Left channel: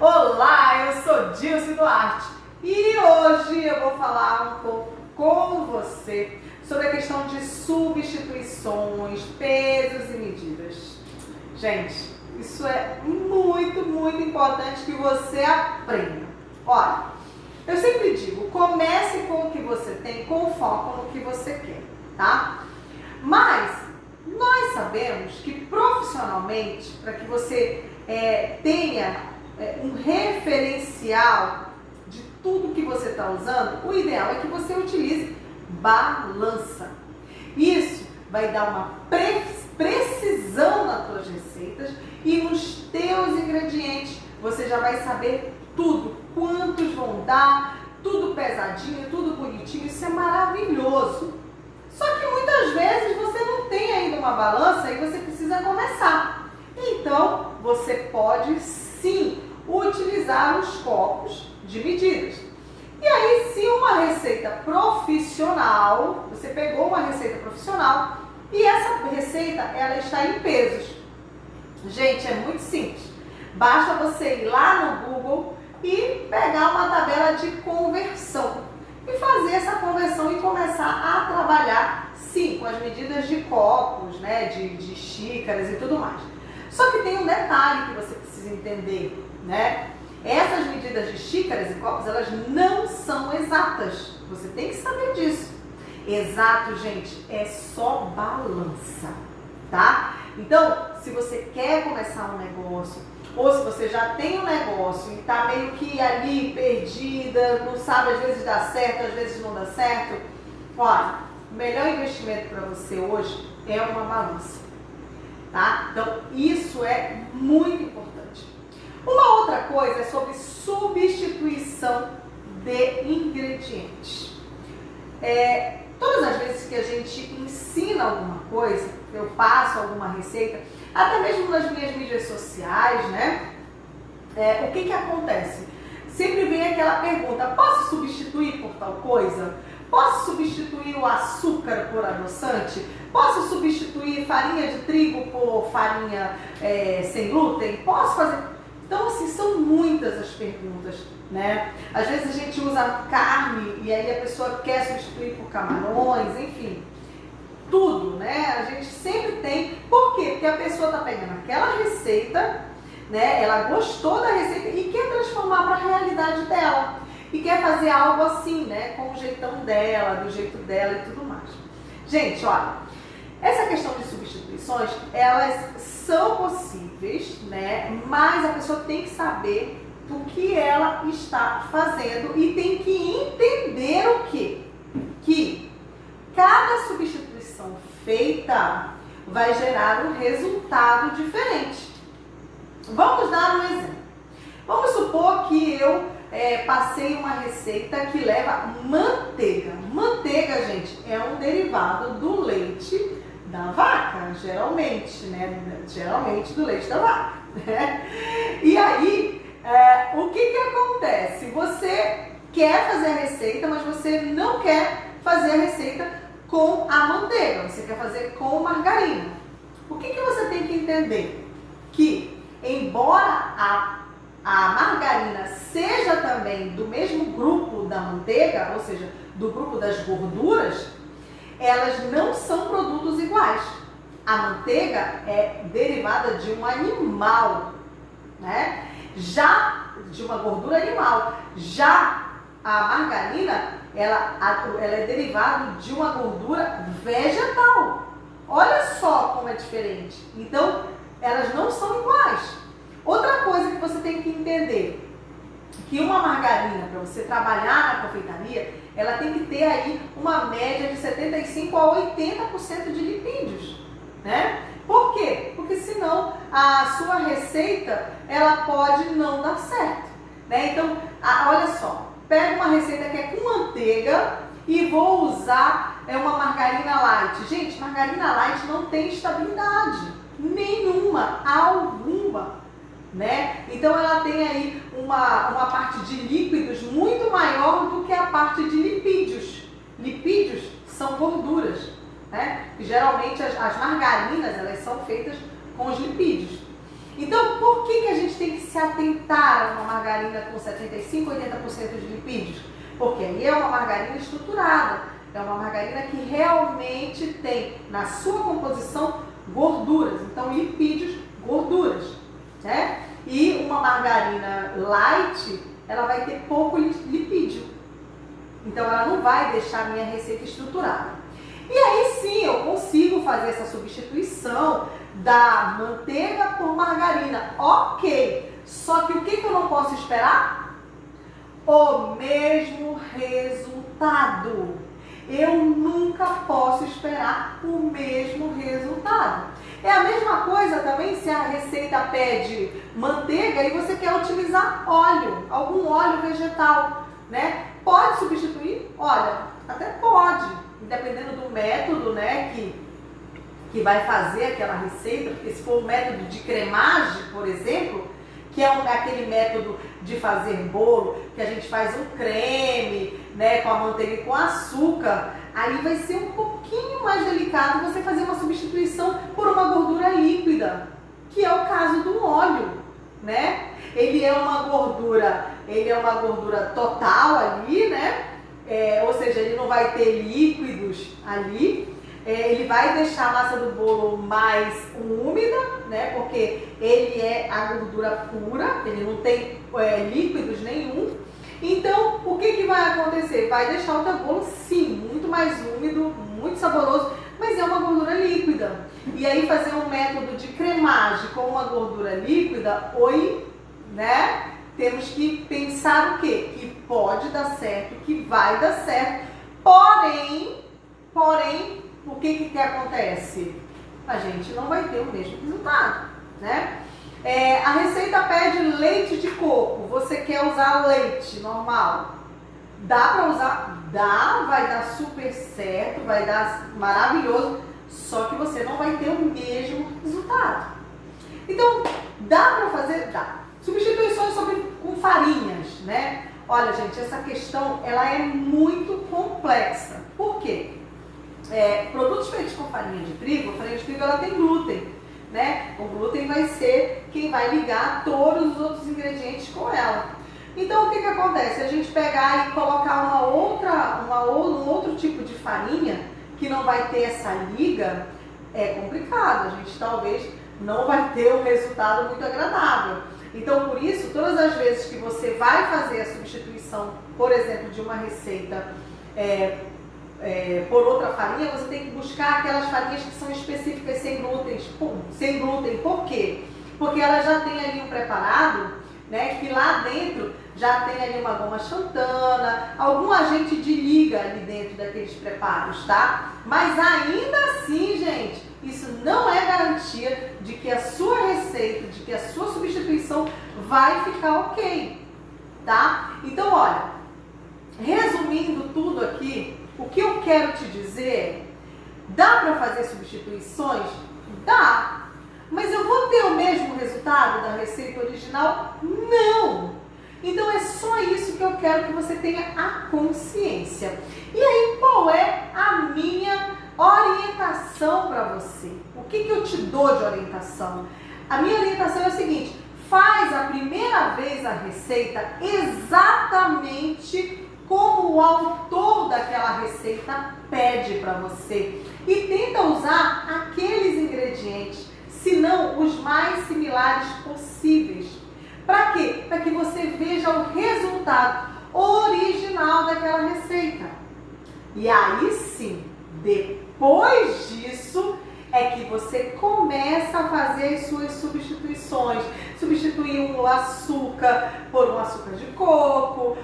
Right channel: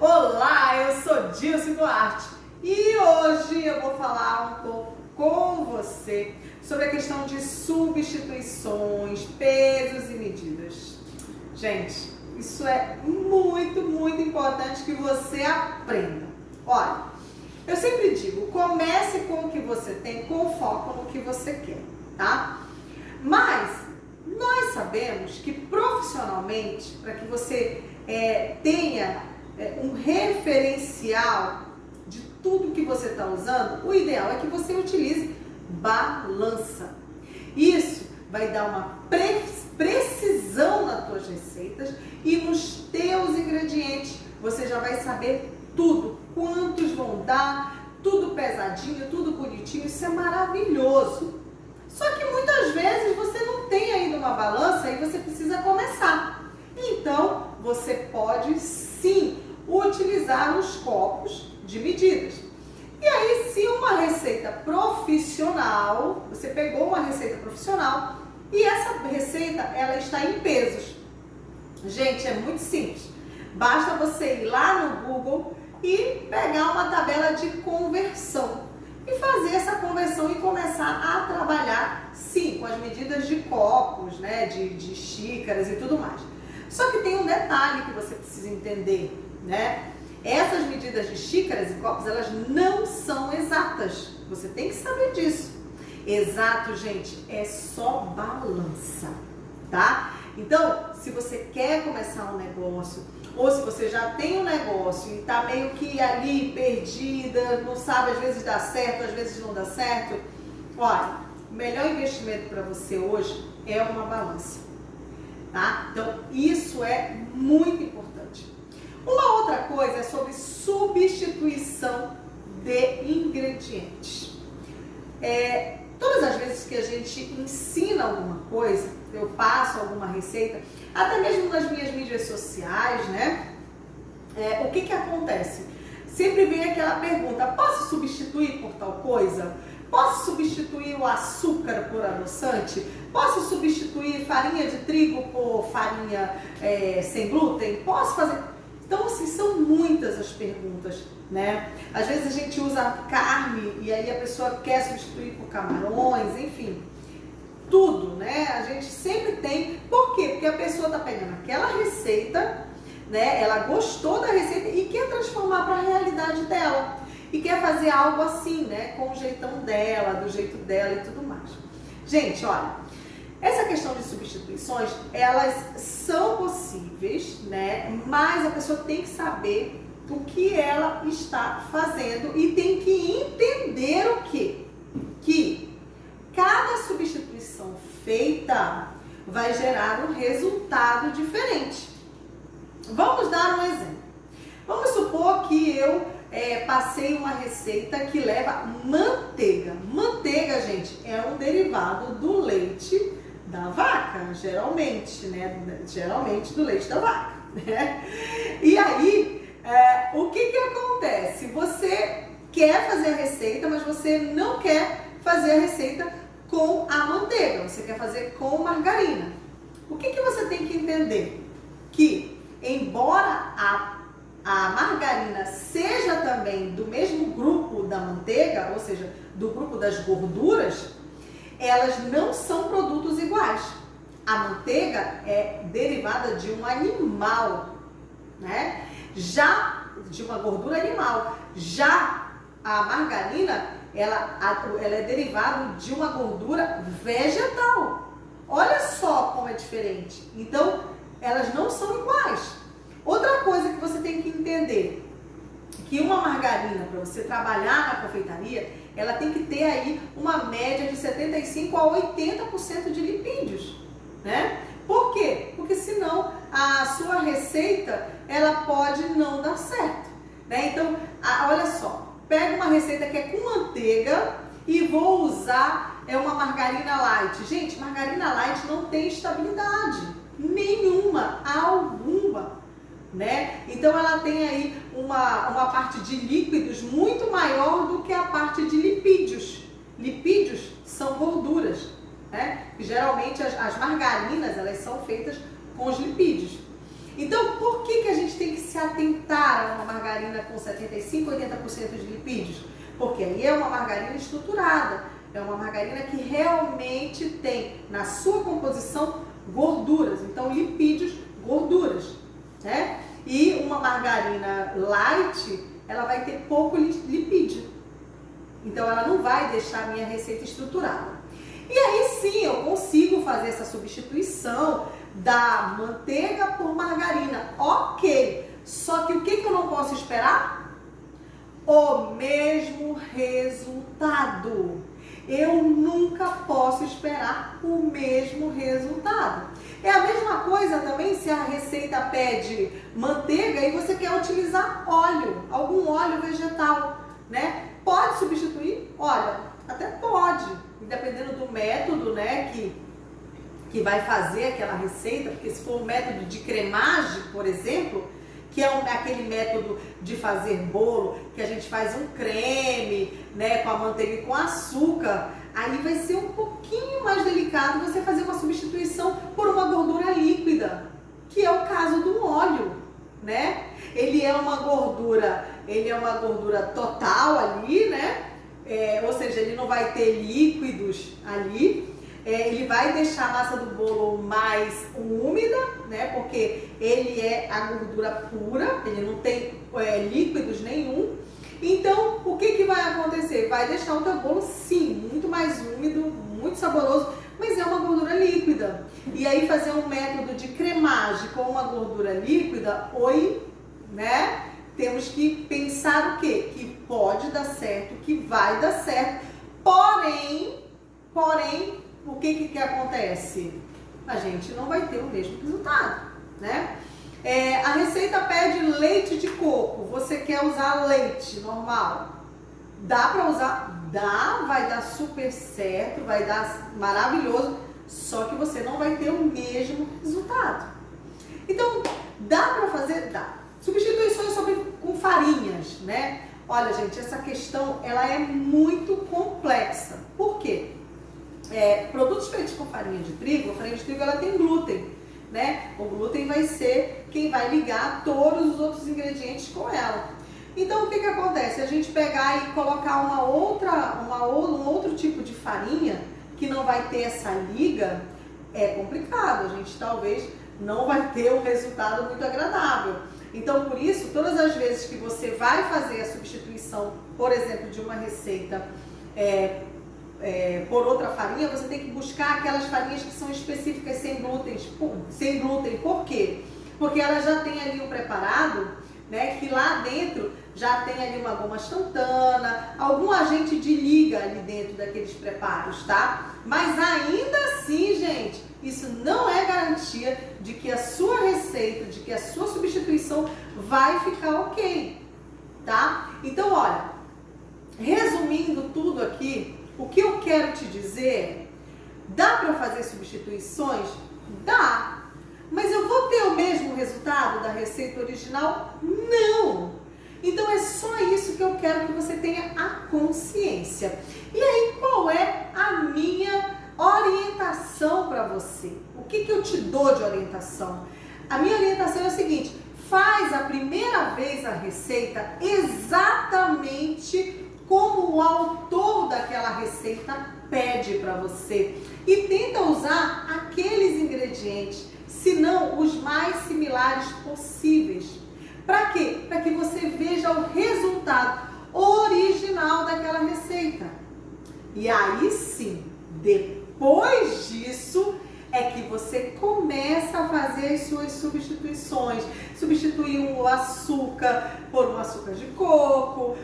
Olá, eu sou Dilce Duarte e hoje eu vou falar um pouco com você sobre a questão de substituições, pesos e medidas. Gente, isso é muito importante que você aprenda. Olha, eu sempre digo, comece com o que você tem, com foco no que você quer, tá? Mas nós sabemos que profissionalmente, para que você tenha um referencial de tudo que você está usando, o ideal é que você utilize balança. Isso vai dar uma precisão nas tuas receitas e nos teus ingredientes. Você já vai saber tudo, quantos vão dar, tudo pesadinho, tudo bonitinho. Isso é maravilhoso. Só que muitas vezes você não tem ainda uma balança e você precisa começar. Então, você pode sim utilizar os copos de medidas. E aí, se uma receita profissional, você pegou uma receita profissional e essa receita, ela está em pesos. Gente, é muito simples. Basta você ir lá no Google e pegar uma tabela de conversão e fazer essa conversão e começar a trabalhar, sim, com as medidas de copos, né, de xícaras e tudo mais. Só que tem um detalhe que você precisa entender, né? Essas medidas de xícaras e copos, elas não são exatas. Você tem que saber disso. Exato, gente, é só balança, tá? Então, se você quer começar um negócio, ou se você já tem um negócio e tá meio que ali perdida, não sabe, às vezes dá certo, às vezes não dá certo, olha, o melhor investimento para você hoje é uma balança, tá? Então, isso é muito importante. Uma outra coisa é sobre substituição de ingredientes. Todas as vezes que a gente ensina alguma coisa, eu passo alguma receita, até mesmo nas minhas mídias sociais, né? O que acontece? Sempre vem aquela pergunta, posso substituir por tal coisa? Posso substituir o açúcar por adoçante? Posso substituir farinha de trigo por farinha sem glúten? Posso fazer... Então, assim, são muitas as perguntas, né? Às vezes a gente usa carne e aí a pessoa quer substituir por camarões, enfim. Tudo, né? A gente sempre tem. Por quê? Porque a pessoa está pegando aquela receita, né? Ela gostou da receita e quer transformar para a realidade dela. E quer fazer algo assim, né? Com o jeitão dela, do jeito dela e tudo mais. Gente, olha. Essa questão de substituições, elas são possíveis, né? Mas a pessoa tem que saber o que ela está fazendo e tem que entender o quê? Que cada substituição feita vai gerar um resultado diferente. Vamos dar um exemplo. Vamos supor que eu passei uma receita que leva manteiga. Manteiga, gente, é um derivado do leite da vaca, geralmente, né? Geralmente do leite da vaca, né? E aí, o que acontece? Você quer fazer a receita, mas você não quer fazer a receita com a manteiga, você quer fazer com margarina. O que você tem que entender? Que, embora a margarina seja também do mesmo grupo da manteiga, ou seja, do grupo das gorduras, elas não são produtos iguais. A manteiga é derivada de um animal, né? Já de uma gordura animal. Já a margarina, ela é derivada de uma gordura vegetal. Olha só como é diferente. Então, elas não são iguais. Outra coisa que você tem que entender, que uma margarina, para você trabalhar na confeitaria, ela tem que ter aí uma média de 75% a 80% de lipídios, né? Por quê? Porque senão a sua receita, ela pode não dar certo, né? Então, olha só, pega uma receita que é com manteiga e vou usar uma margarina light. Gente, margarina light não tem estabilidade nenhuma, alguma, né? Então ela tem aí uma parte de líquidos muito maior do que a parte de lipídios. Lipídios são gorduras, né? E geralmente as margarinas, elas são feitas com os lipídios. Então, por que a gente tem que se atentar a uma margarina com 75, 80% de lipídios? Porque aí é uma margarina estruturada, é uma margarina que realmente tem na sua composição gorduras, então lipídios, gorduras, né? E uma margarina light, ela vai ter pouco lipídio, então ela não vai deixar a minha receita estruturada. E aí sim, eu consigo fazer essa substituição da manteiga por margarina, ok. Só que o que eu não posso esperar? O mesmo resultado. Eu nunca posso esperar o mesmo resultado. É a mesma coisa também se a receita pede manteiga e você quer utilizar óleo, algum óleo vegetal, né? Pode substituir? Olha, até pode, dependendo do método, né, que vai fazer aquela receita, porque se for o método de cremagem, por exemplo, que é aquele método de fazer bolo, que a gente faz um creme, né, com a manteiga e com açúcar, aí vai ser um pouquinho mais delicado você fazer uma substituição por uma gordura líquida, que é o caso do óleo, né? Ele é uma gordura total ali, né? Ou seja, ele não vai ter líquidos ali. Ele vai deixar a massa do bolo mais úmida, né? Porque ele é a gordura pura, ele não tem líquidos nenhum. Então, o que vai acontecer? Vai deixar o teu bolo, sim, muito mais úmido, muito saboroso, mas é uma gordura líquida. E aí fazer um método de cremagem com uma gordura líquida, né? Temos que pensar o quê? Que pode dar certo, que vai dar certo, porém, o que acontece? A gente não vai ter o mesmo resultado, né? A receita pede leite de coco, você quer usar leite normal? Dá para usar? Dá, vai dar super certo, vai dar maravilhoso, só que você não vai ter o mesmo resultado. Então, dá para fazer? Dá. Substituições com farinhas, né? Olha, gente, essa questão ela é muito complexa. Por quê? Produtos feitos com farinha de trigo, a farinha de trigo ela tem glúten, né? O glúten vai ser quem vai ligar todos os outros ingredientes com ela. Então, o que acontece? A gente pegar e colocar um outro tipo de farinha que não vai ter essa liga, é complicado. A gente talvez não vai ter um resultado muito agradável. Então, por isso, todas as vezes que você vai fazer a substituição, por exemplo, de uma receita por outra farinha, você tem que buscar aquelas farinhas que são específicas sem glúten. Por quê? Porque ela já tem ali um preparado, né, que lá dentro já tem ali uma goma xantana, algum agente de liga ali dentro daqueles preparos, tá? Mas ainda assim, gente, isso não é garantia de que a sua receita, de que a sua substituição vai ficar ok, tá? Então, olha, resumindo tudo aqui, o que eu quero te dizer, dá para fazer substituições? Dá. Mas eu vou ter o mesmo resultado da receita original? Não! Então é só isso que eu quero que você tenha a consciência. E aí, qual é a minha orientação para você? O que eu te dou de orientação? A minha orientação é a seguinte: faz a primeira vez a receita exatamente como o autor daquela receita pede para você. E tenta usar aqueles ingredientes, se não os mais similares possíveis. Para quê? Para que você veja o resultado original daquela receita. E aí sim, depois disso, é que você começa a fazer as suas substituições. Substituir o açúcar por um açúcar de coco,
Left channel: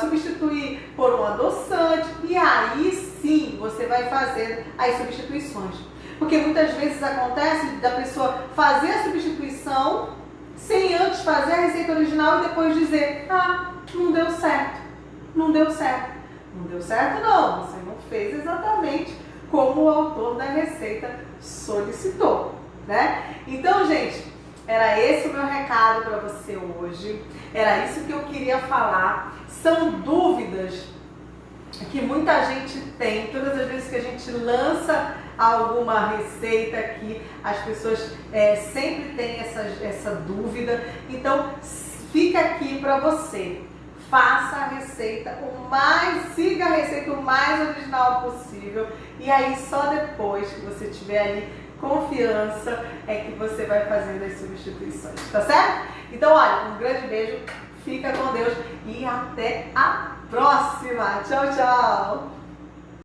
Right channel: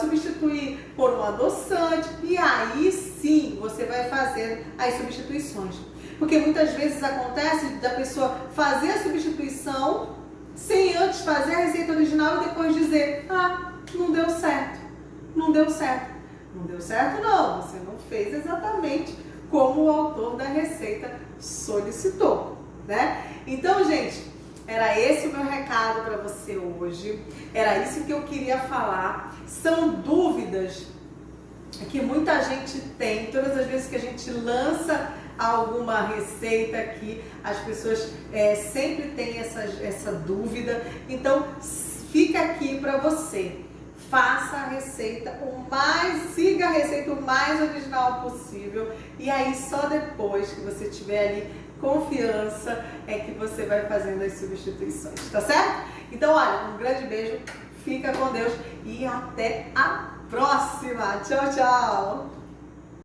substituir por um adoçante. E aí sim, você vai fazer as substituições. Porque muitas vezes acontece da pessoa fazer a substituição sem antes fazer a receita original e depois dizer: não deu certo, não deu certo. Não deu certo não, você não fez exatamente como o autor da receita solicitou, né? Então, gente, era esse o meu recado para você hoje, era isso que eu queria falar. São dúvidas que muita gente tem, todas as vezes que a gente lança alguma receita que as pessoas sempre têm essa dúvida. Então, fica aqui para você. Faça a receita siga a receita o mais original possível. E aí, só depois que você tiver ali confiança, é que você vai fazendo as substituições, tá certo? Então, olha, um grande beijo, fica com Deus e até a próxima. Tchau, tchau!